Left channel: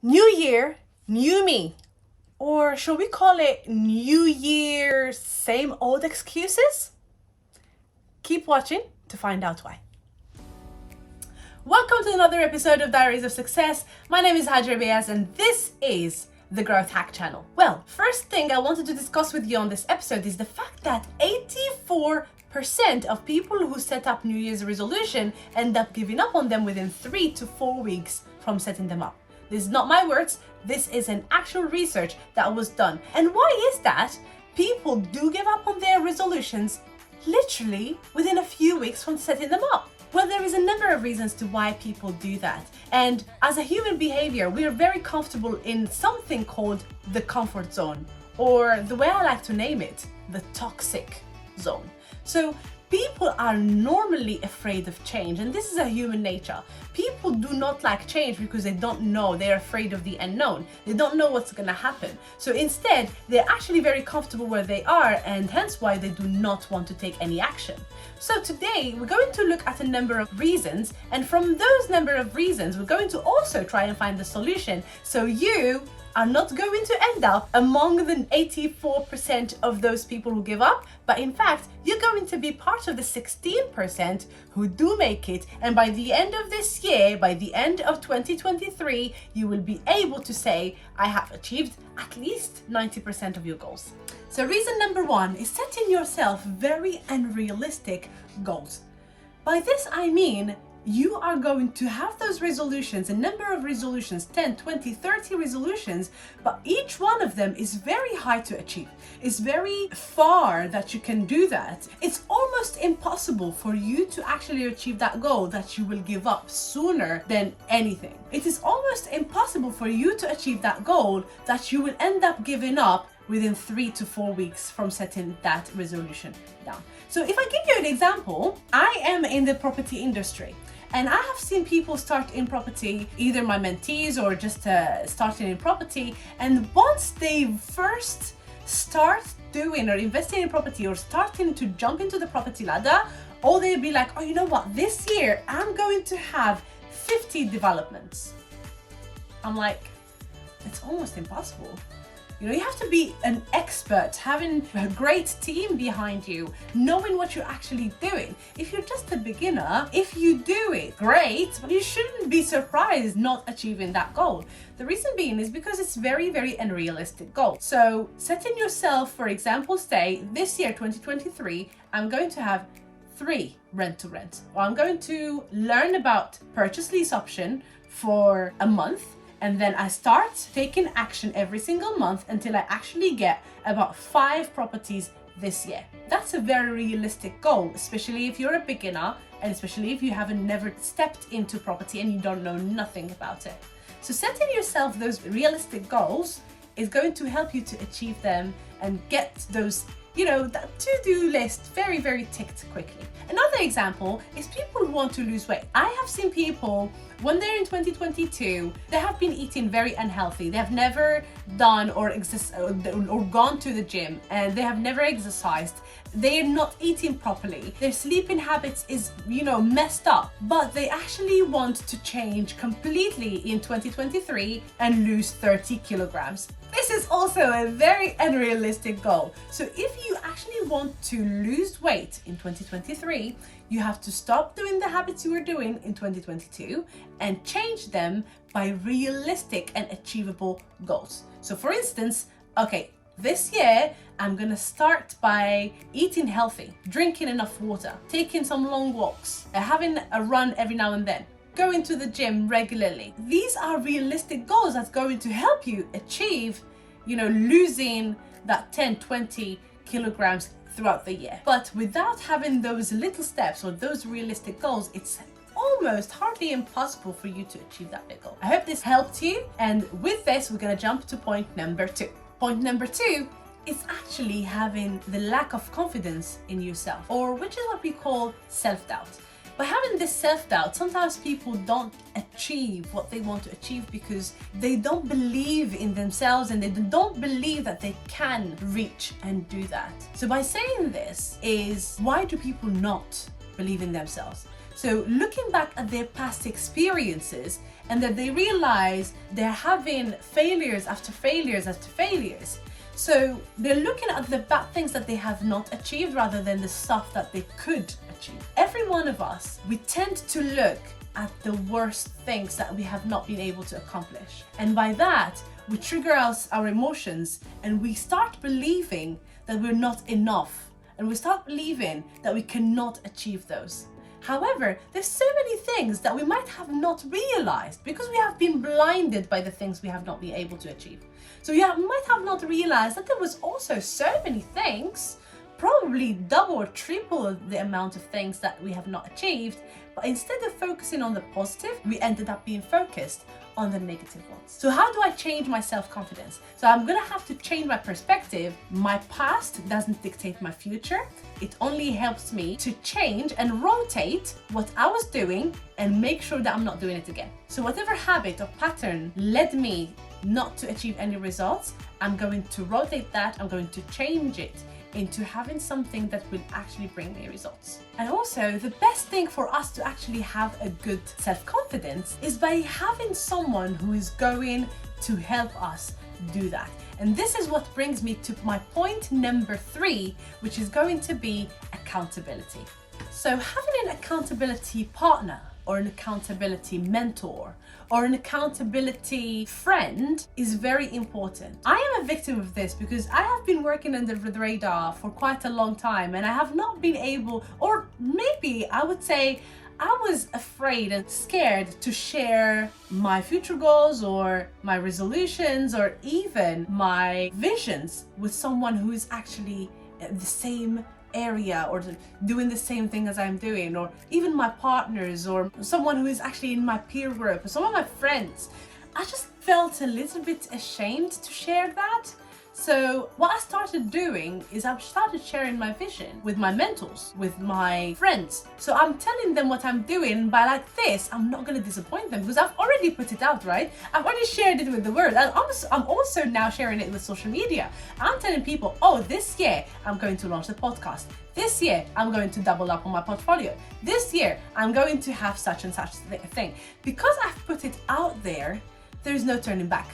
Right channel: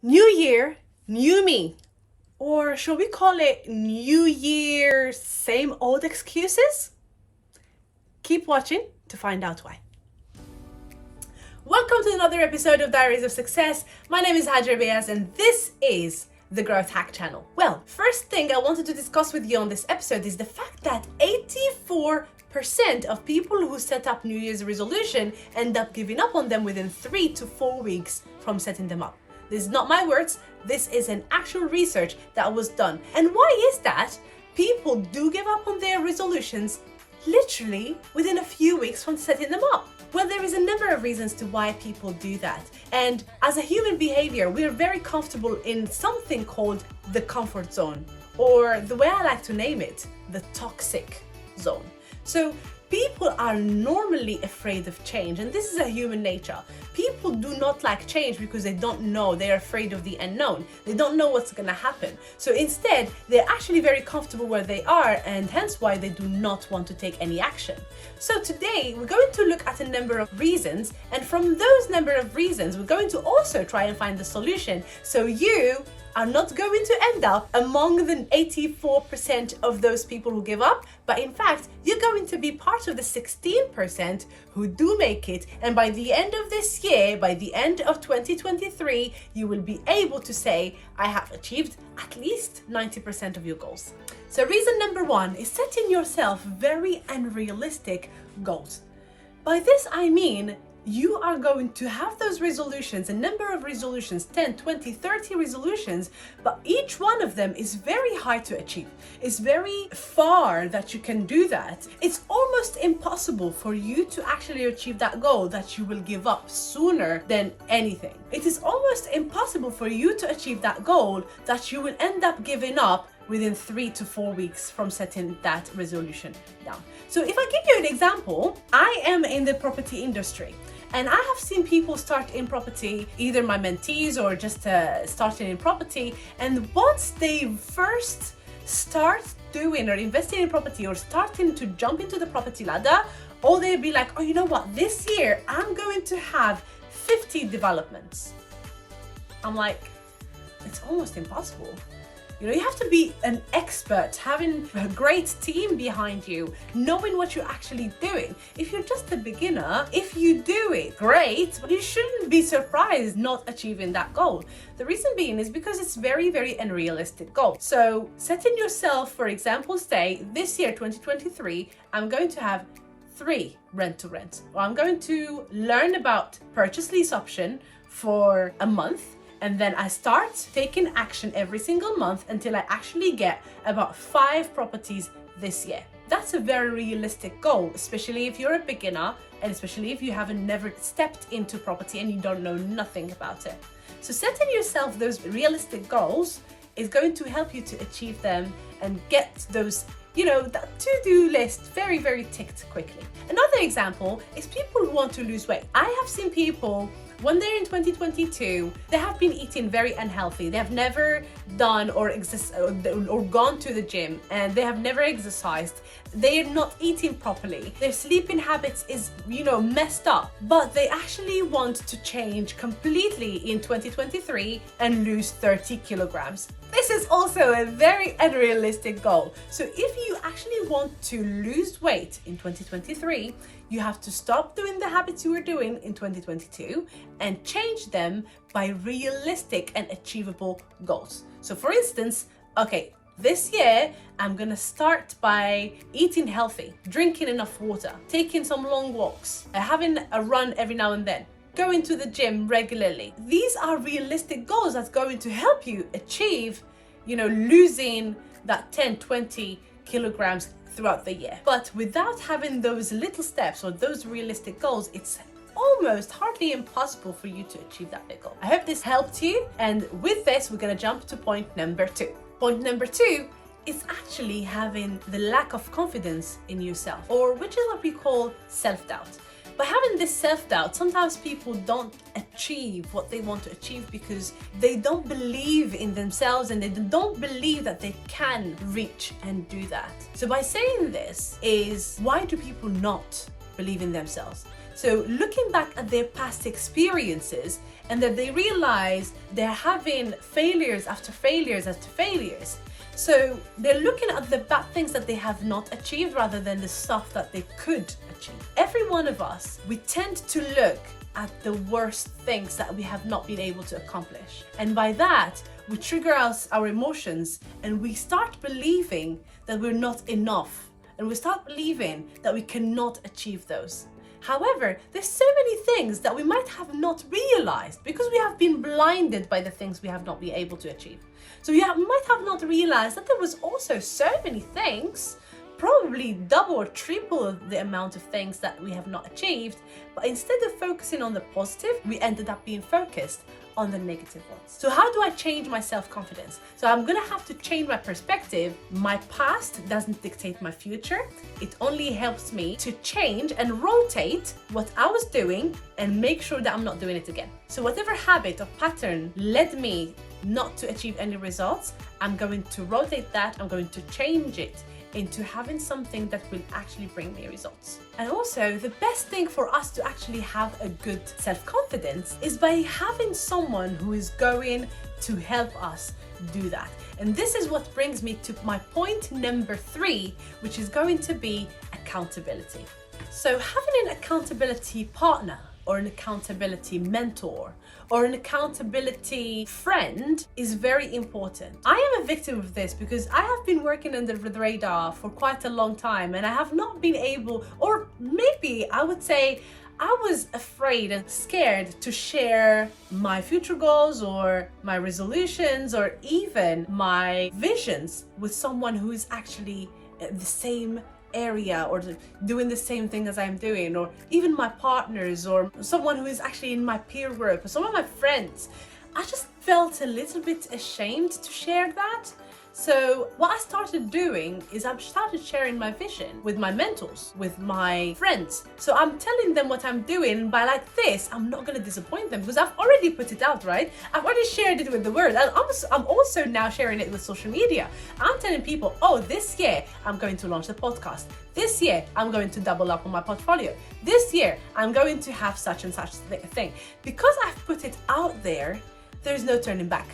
New year, new me. Or should we call it New Year, same old excuses? Keep watching to find out why. Welcome to another episode of Diaries of Success. My name is Hajar Beas and this is the Growth Hack channel. Well, first thing I wanted to discuss with you on this episode is the fact that 84% of people who set up New Year's resolution end up giving up on them within 3 to 4 weeks from setting them up. This is not my words, this is an actual research that was done. And why is that? People do give up on their resolutions literally within a few weeks from setting them up. Well, there is a number of reasons to why people do that. And as a human behavior, we are very comfortable in something called the comfort zone, or the way I like to name it, the toxic zone. So people are normally afraid of change, and this is a human nature. People do not like change because they don't know, they're afraid of the unknown. They don't know what's gonna happen. So instead, they're actually very comfortable where they are, and hence why they do not want to take any action. So today, we're going to look at a number of reasons, and from those number of reasons, we're going to also try and find the solution so you are not going to end up among the 84% of those people who give up, but in fact, you're going to be part of the 16% who do make it. And by the end of this year, by the end of 2023, you will be able to say, I have achieved at least 90% of your goals. So reason number one is setting yourself very unrealistic goals. By this, I mean, you are going to have those resolutions, a number of resolutions, 10, 20, 30 resolutions, but each one of them is very hard to achieve. It's very far that you can do that. It's almost impossible for you to actually achieve that goal that you will give up sooner than anything. It is almost impossible for you to achieve that goal that you will end up giving up within 3 to 4 weeks from setting that resolution down. So if I give you an example, I am in the property industry. And I have seen people start in property, either my mentees or just starting in property. And once they first start doing or investing in property or starting to jump into the property ladder, or they'll be like, oh, you know what? This year I'm going to have 50 developments. I'm like, it's almost impossible. You know, you have to be an expert, having a great team behind you, knowing what you're actually doing. If you're just a beginner, if you do it, great, but you shouldn't be surprised not achieving that goal. The reason being is because it's very, very unrealistic goal. So setting yourself, for example, say this year, 2023, I'm going to have 3 rent-to-rent, or I'm going to learn about purchase lease option for a month. And then I start taking action every single month until I actually get about 5 properties this year. That's a very realistic goal, especially if you're a beginner and especially if you haven't never stepped into property and you don't know nothing about it. So setting yourself those realistic goals is going to help you to achieve them and get those, you know, that to-do list very, very ticked quickly. Another example is people who want to lose weight. I have seen people when they're in 2022, they have been eating very unhealthy. They have never done or gone to the gym, and they have never exercised. They're not eating properly. Their sleeping habits is, you know, messed up, but they actually want to change completely in 2023 and lose 30 kilograms. This is also a very unrealistic goal. So if you actually want to lose weight in 2023, you have to stop doing the habits you were doing in 2022 and change them by realistic and achievable goals. So for instance, okay, this year, I'm gonna start by eating healthy, drinking enough water, taking some long walks, having a run every now and then, going to the gym regularly. These are realistic goals that's going to help you achieve, you know, losing that 10, 20 kilograms throughout the year. But without having those little steps or those realistic goals, it's almost hardly impossible for you to achieve that big goal. I hope this helped you. And with this, we're gonna jump to point number 2. Point number 2 is actually having the lack of confidence in yourself, or which is what we call self-doubt. By having this self-doubt, sometimes people don't achieve what they want to achieve because they don't believe in themselves and they don't believe that they can reach and do that. So by saying this is, why do people not believe in themselves? So looking back at their past experiences and that they realize they're having failures after failures after failures. So they're looking at the bad things that they have not achieved rather than the stuff that they could achieve. Every one of us, we tend to look at the worst things that we have not been able to accomplish. And by that, we trigger our emotions, and we start believing that we're not enough. And we start believing that we cannot achieve those. However, there's so many things that we might have not realized because we have been blinded by the things we have not been able to achieve. So you might have not realized that there was also so many things, probably double or triple the amount of things that we have not achieved, but instead of focusing on the positive, we ended up being focused on the negative ones. So how do I change my self-confidence? So I'm gonna have to change my perspective. My past doesn't dictate my future. It only helps me to change and rotate what I was doing and make sure that I'm not doing it again. So whatever habit or pattern led me not to achieve any results, I'm going to rotate that, I'm going to change it into having something that will actually bring me results. And also, the best thing for us to actually have a good self-confidence is by having someone who is going to help us do that. And this is what brings me to my point number 3, which is going to be accountability. So having an accountability partner or an accountability mentor or an accountability friend is very important. I am a victim of this because I have been working under the radar for quite a long time, and I have not been able, or maybe I would say I was afraid and scared to share my future goals or my resolutions or even my visions with someone who is actually the same area or doing the same thing as I'm doing, or even my partners or someone who is actually in my peer group or some of my friends. I just felt a little bit ashamed to share that. So what I started doing is I started sharing my vision with my mentors, with my friends. So I'm telling them what I'm doing. By like this, I'm not going to disappoint them because I've already put it out, right? I've already shared it with the world. And I'm also now sharing it with social media. I'm telling people, oh, this year I'm going to launch the podcast. This year I'm going to double up on my portfolio. This year I'm going to have such and such thing. Because I've put it out there, there's no turning back.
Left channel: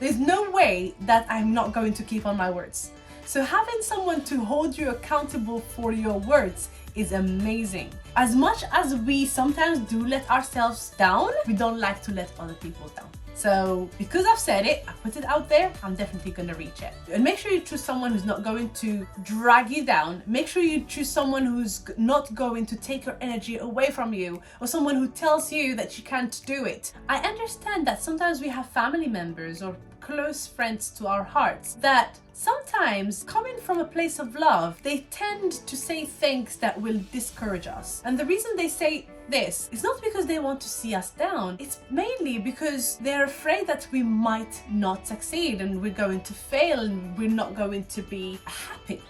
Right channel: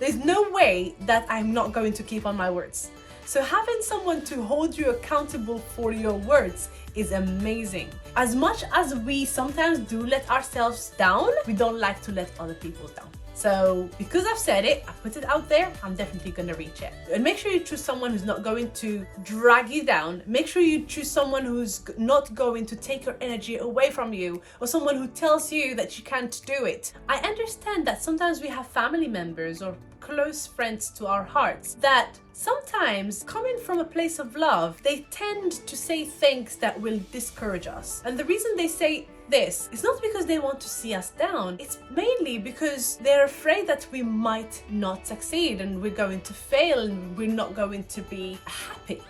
There's no way that I'm not going to keep on my words. So having someone to hold you accountable for your words is amazing. As much as we sometimes do let ourselves down, we don't like to let other people down. So because I've said it, I put it out there, I'm definitely gonna reach it. And make sure you choose someone who's not going to drag you down. Make sure you choose someone who's not going to take your energy away from you, or someone who tells you that you can't do it. I understand that sometimes we have family members or close friends to our hearts that sometimes, coming from a place of love, they tend to say things that will discourage us. And the reason they say this is not because they want to see us down, it's mainly because they're afraid that we might not succeed and we're going to fail and we're not going to be happy.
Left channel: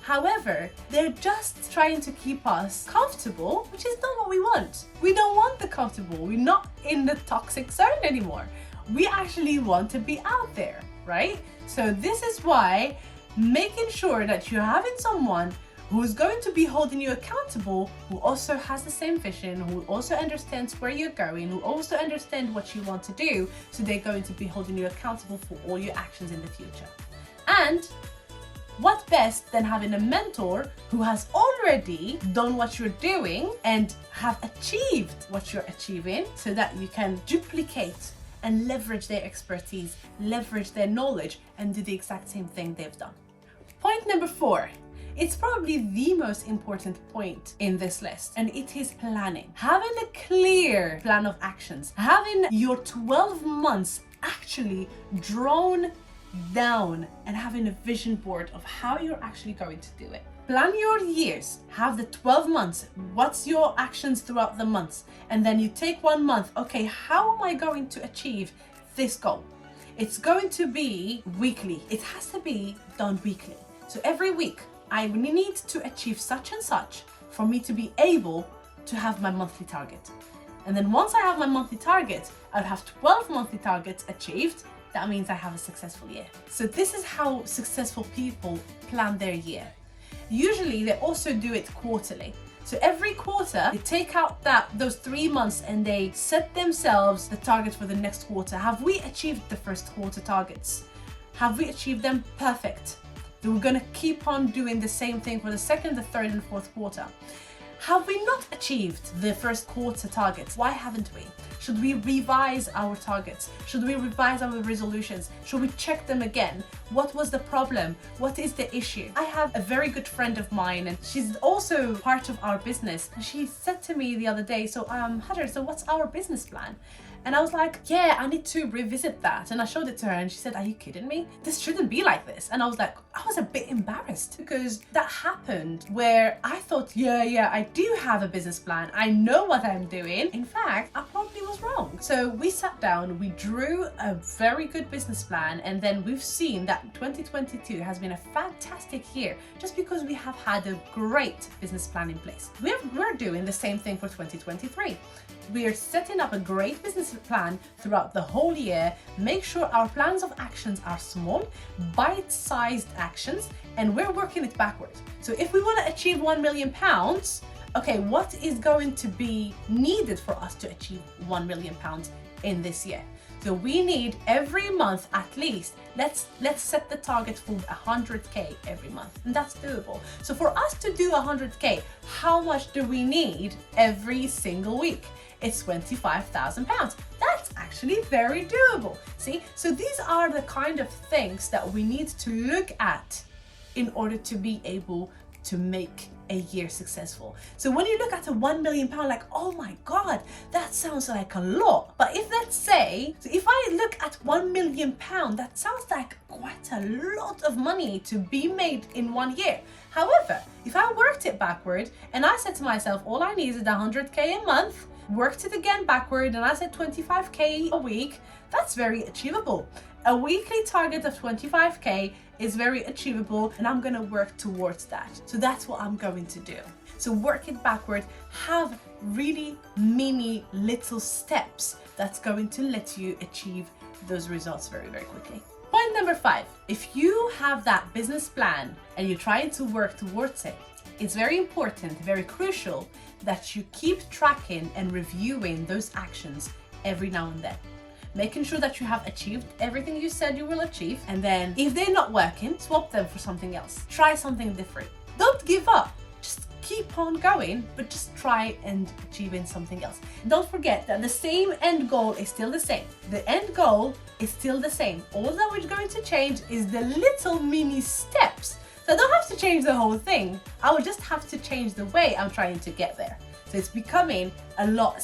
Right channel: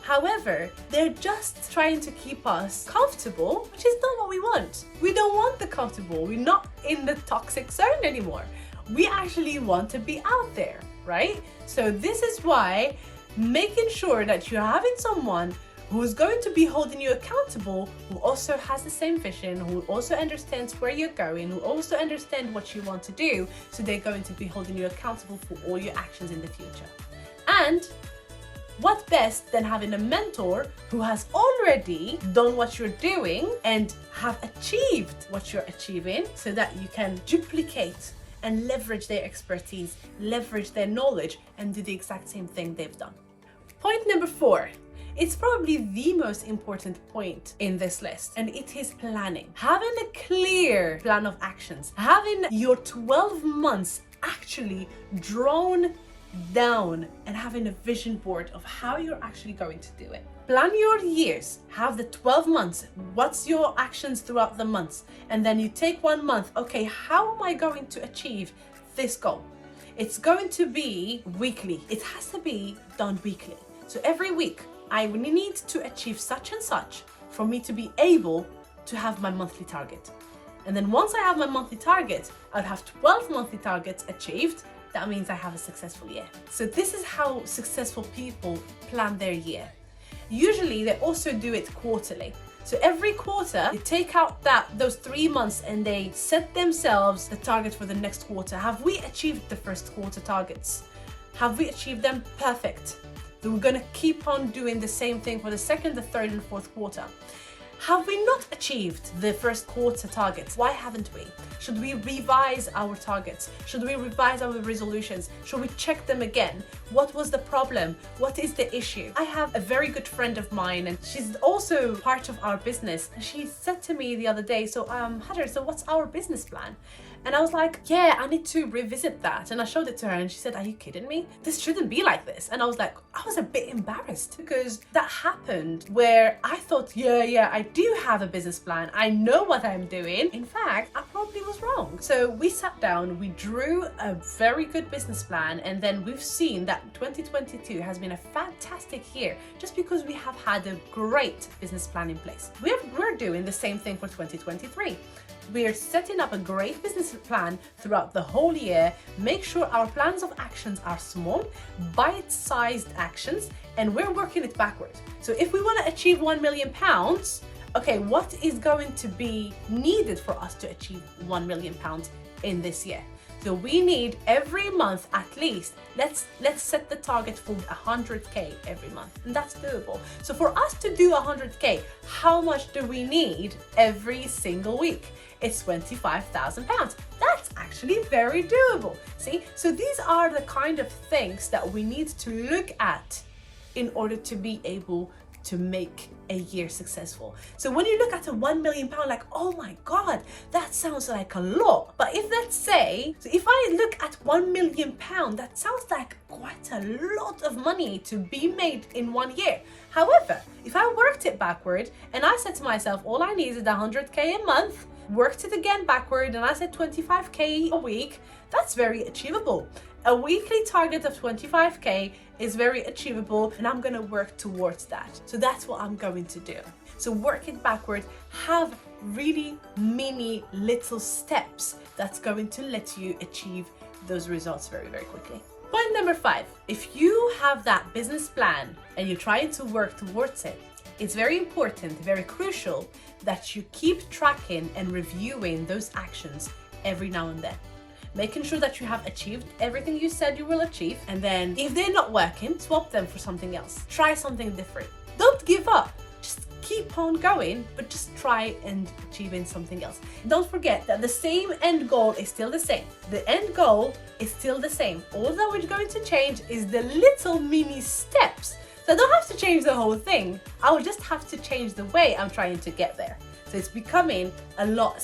However, they're just trying to keep us comfortable, which is not what we want. We don't want the comfortable. We're not in the toxic zone anymore. We actually want to be out there, right? So this is why making sure that you're having someone who's going to be holding you accountable, who also has the same vision, who also understands where you're going, who also understands what you want to do, so they're going to be holding you accountable for all your actions in the future. And what best than having a mentor who has already done what you're doing and have achieved what you're achieving, so that you can duplicate and leverage their expertise, leverage their knowledge, and do the exact same thing they've done. Point number 4. It's probably the most important point in this list, and it is planning. Having a clear plan of actions, having your 12 months actually drawn down, and having a vision board of how you're actually going to do it. Plan your years, have the 12 months, what's your actions throughout the months, and then you take 1 month, okay, how am I going to achieve this goal? It's going to be weekly, it has to be done weekly. So every week, I need to achieve such and such for me to be able to have my monthly target. And then once I have my monthly target, I'll have 12 monthly targets achieved. That means I have a successful year. So this is how successful people plan their year. Usually they also do it quarterly. So every quarter, they take out those 3 months and they set themselves the target for the next quarter. Have we achieved the first quarter targets? Have we achieved them? Perfect. Then we're gonna keep on doing the same thing for the second, the third, and fourth quarter. Have we not achieved the first quarter targets? Why haven't we? Should we revise our targets? Should we revise our resolutions? Should we check them again? What was the problem? What is the issue? I have a very good friend of mine, and she's also part of our business. And she said to me the other day, so Hajar, so what's our business plan? And I was like, yeah, I need to revisit that. And I showed it to her and she said, are you kidding me? This shouldn't be like this. And I was like, I was a bit embarrassed because that happened where I thought, yeah, I do have a business plan. I know what I'm doing. In fact, I probably was wrong. So we sat down, we drew a very good business plan. And then we've seen that 2022 has been a fantastic year just because we have had a great business plan in place. We're doing the same thing for 2023. We are setting up a great business plan throughout the whole year. Make sure our plans of actions are small, bite-sized actions, and we're working it backwards. So if we want to achieve £1 million, okay, what is going to be needed for us to achieve £1 million in this year? So we need every month at least, let's set the target for 100K every month, and that's doable. So for us to do 100K, how much do we need every single week? It's £25,000. That's actually very doable. See, so these are the kind of things that we need to look at in order to be able to make a year successful. So when you look at a £1 million, like, oh my God, that sounds like a lot. But if let's say, so if I look at £1 million, that sounds like quite a lot of money to be made in 1 year. However, if I worked it backward and I said to myself, all I need is 100K a month, worked it again backward and I said 25K a week, that's very achievable. A weekly target of 25K is very achievable and I'm gonna work towards that. So that's what I'm going to do. So work it backward, have really mini little steps that's going to let you achieve those results very, very quickly. Point number 5, if you have that business plan and you're trying to work towards it, it's very important, very crucial that you keep tracking and reviewing those actions every now and then. Making sure that you have achieved everything you said you will achieve, and then if they're not working, swap them for something else. Try something different. Don't give up. Just keep on going, but just try and achieving something else. Don't forget that the same end goal is still the same. The end goal is still the same. All that we're going to change is the little mini steps. So I don't have to change the whole thing. I will just have to change the way I'm trying to get there. So it's becoming a lot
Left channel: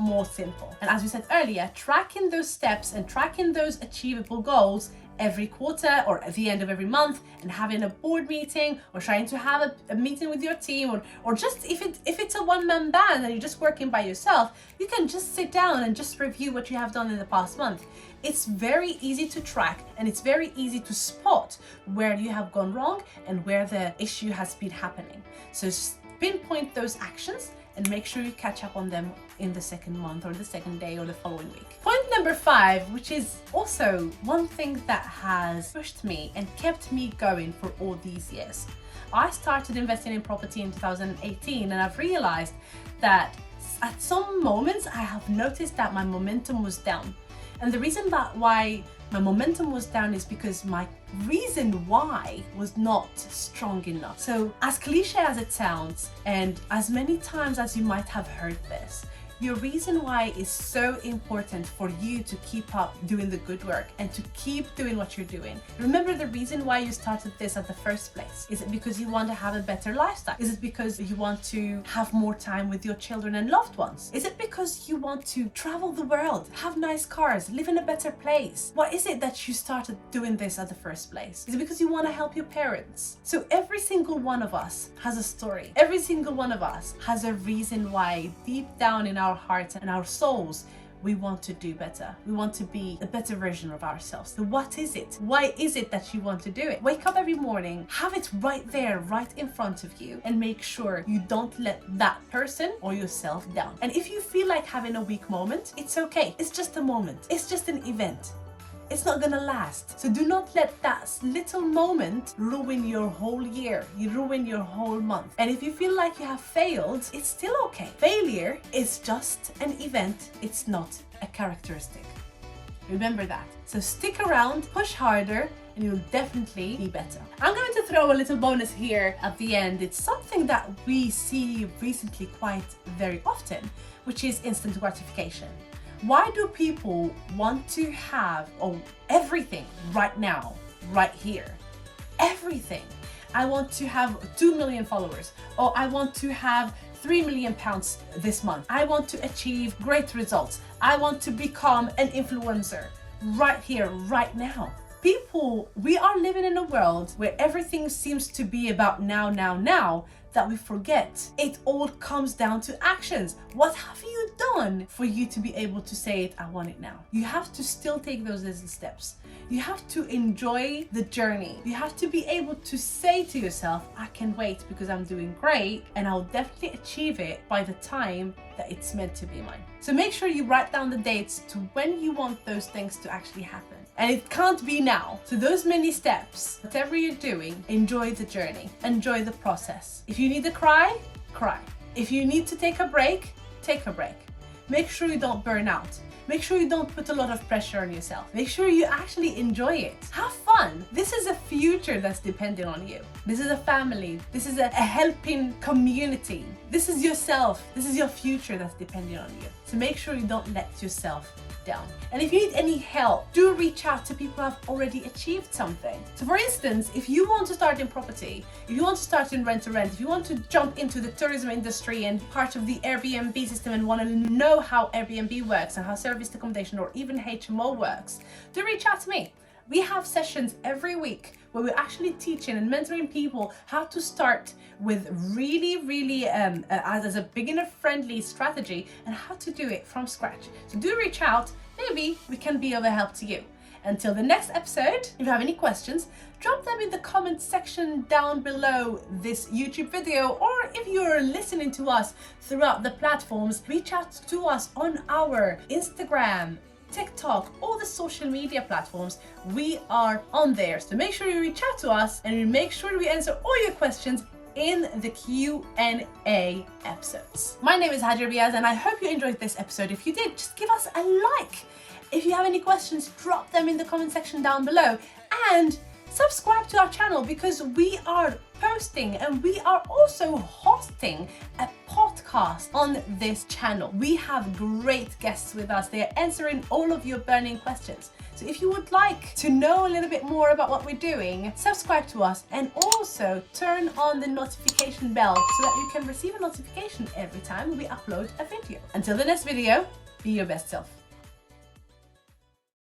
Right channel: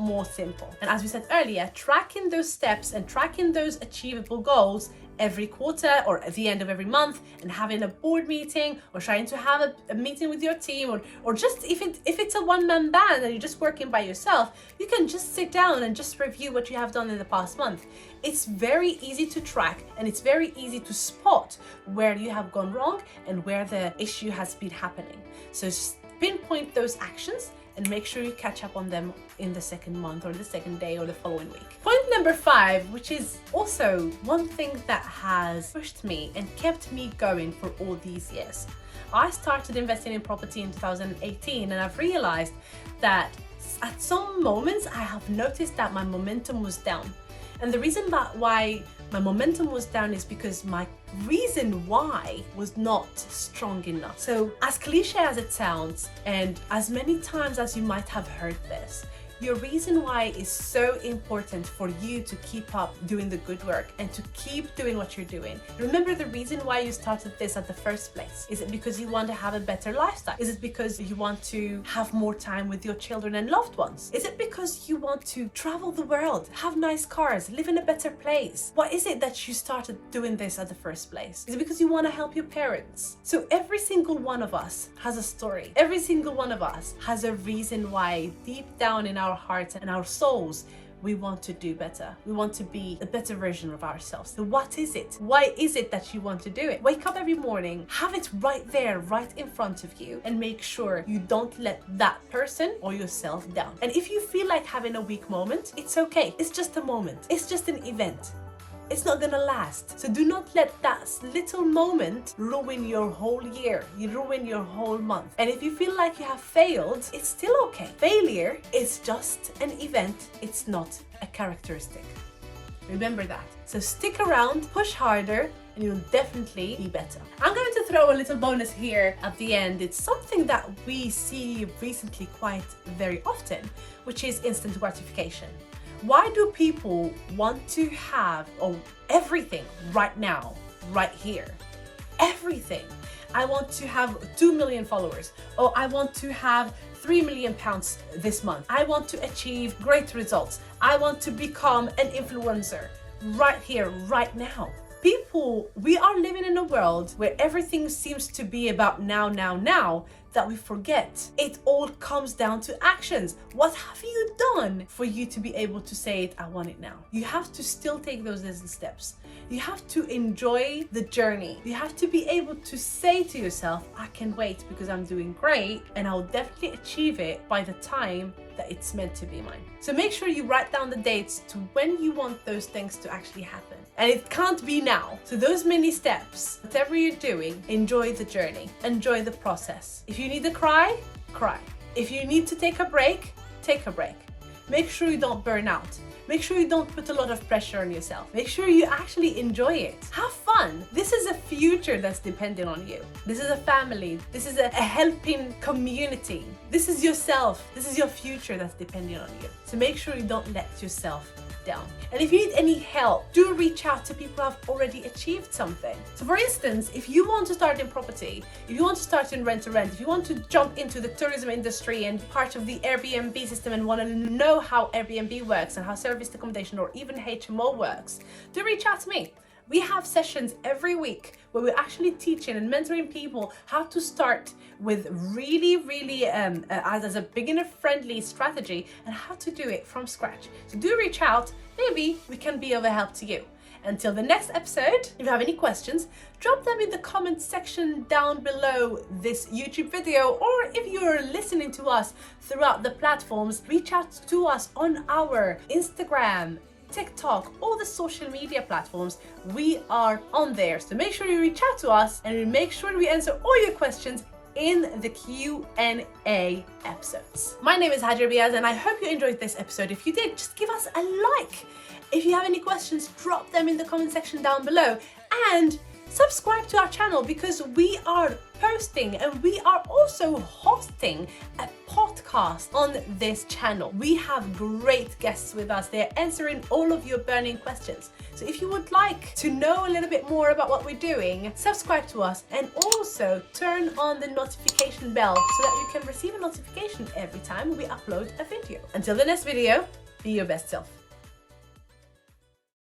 more simple. And as we said earlier, tracking those steps and tracking those achievable goals every quarter or at the end of every month, and having a board meeting or trying to have a meeting with your team, or just if it's a one-man band and you're just working by yourself, you can just sit down and just review what you have done in the past month. It's very easy to track and it's very easy to spot where you have gone wrong and where the issue has been happening. So just pinpoint those actions and make sure you catch up on them in the second month or the second day or the following week. Point number 5, which is also one thing that has pushed me and kept me going for all these years. I started investing in property in 2018 and I've realized that at some moments I have noticed that my momentum was down. And the reason why my momentum was down is because my reason why was not strong enough. So as cliche as it sounds, and as many times as you might have heard this, your reason why is so important for you to keep up doing the good work and to keep doing what you're doing. Remember the reason why you started this at the first place. Is it because you want to have a better lifestyle? Is it because you want to have more time with your children and loved ones? Is it because you want to travel the world, have nice cars, live in a better place? What is it that you started doing this at the first place? Is it because you want to help your parents? So every single one of us has a story. Every single one of us has a reason why deep down in our hearts and our souls we want to do better. We want to be a better version of ourselves. So what is it? Why is it that you want to do it? Wake up every morning, have it right there, right in front of you, and make sure you don't let that person or yourself down. And if you feel like having a weak moment, it's okay. It's just a moment. It's just an event. it's not gonna last. So do not let that little moment ruin your whole year, you ruin your whole month. And if you feel like you have failed, it's still okay. Failure is just an event, it's not a characteristic. Remember that. So stick around, push harder, and you'll definitely be better. I'm going to throw a little bonus here at the end. It's something that we see recently quite very often, which is instant gratification. Why do people want to have everything right now, right here? Everything. I want to have 2 million followers, or I want to have 3 million pounds this month. I want to achieve great results. I want to become an influencer right here, right now. People, we are living in a world where everything seems to be about now, that we forget it all comes down to actions. What have you done for you to be able to say it, I want it now? You have to still take those little steps. You have to enjoy the journey. You have to be able to say to yourself, I can wait because I'm doing great and I'll definitely achieve it by the time that it's meant to be mine. So make sure you write down the dates to when you want those things to actually happen. And it can't be now. So those many steps, whatever you're doing, enjoy the journey, enjoy the process. If you need to cry, cry. If you need to take a break, take a break. Make sure you don't burn out. Make sure you don't put a lot of pressure on yourself. Make sure you actually enjoy it. Have fun. This is a future that's dependent on you. This is a family. This is a helping community. This is yourself. This is your future that's dependent on you. So make sure you don't let yourself down. And if you need any help, do reach out to people who have already achieved something. So for instance, if you want to start in property, if you want to start in rent to rent, if you want to jump into the tourism industry and part of the Airbnb system and want to know how Airbnb works and how serviced accommodation or even HMO works, do reach out to me. We have sessions every week where we're actually teaching and mentoring people how to start with really as a beginner friendly strategy and how to do it from scratch. So do reach out, maybe we can be of a help to you. Until the next episode, if you have any questions, drop them in the comment section down below this YouTube video, or if you're listening to us throughout the platforms, reach out to us on our Instagram, TikTok, all the social media platforms. We are on there, so make sure you reach out to us and make sure we answer all your questions in the Q&A episodes. My name is Hajar Biaz and I hope you enjoyed this episode. If you did, just give us a like. If you have any questions, drop them in the comment section down below, and subscribe to our channel because we are posting and we are also hosting a podcast on this channel. We have great guests with us. They're answering all of your burning questions. So if you would like to know a little bit more about what we're doing, subscribe to us and also turn on the notification bell so that you can receive a notification every time we upload a video. Until the next video, be your best self.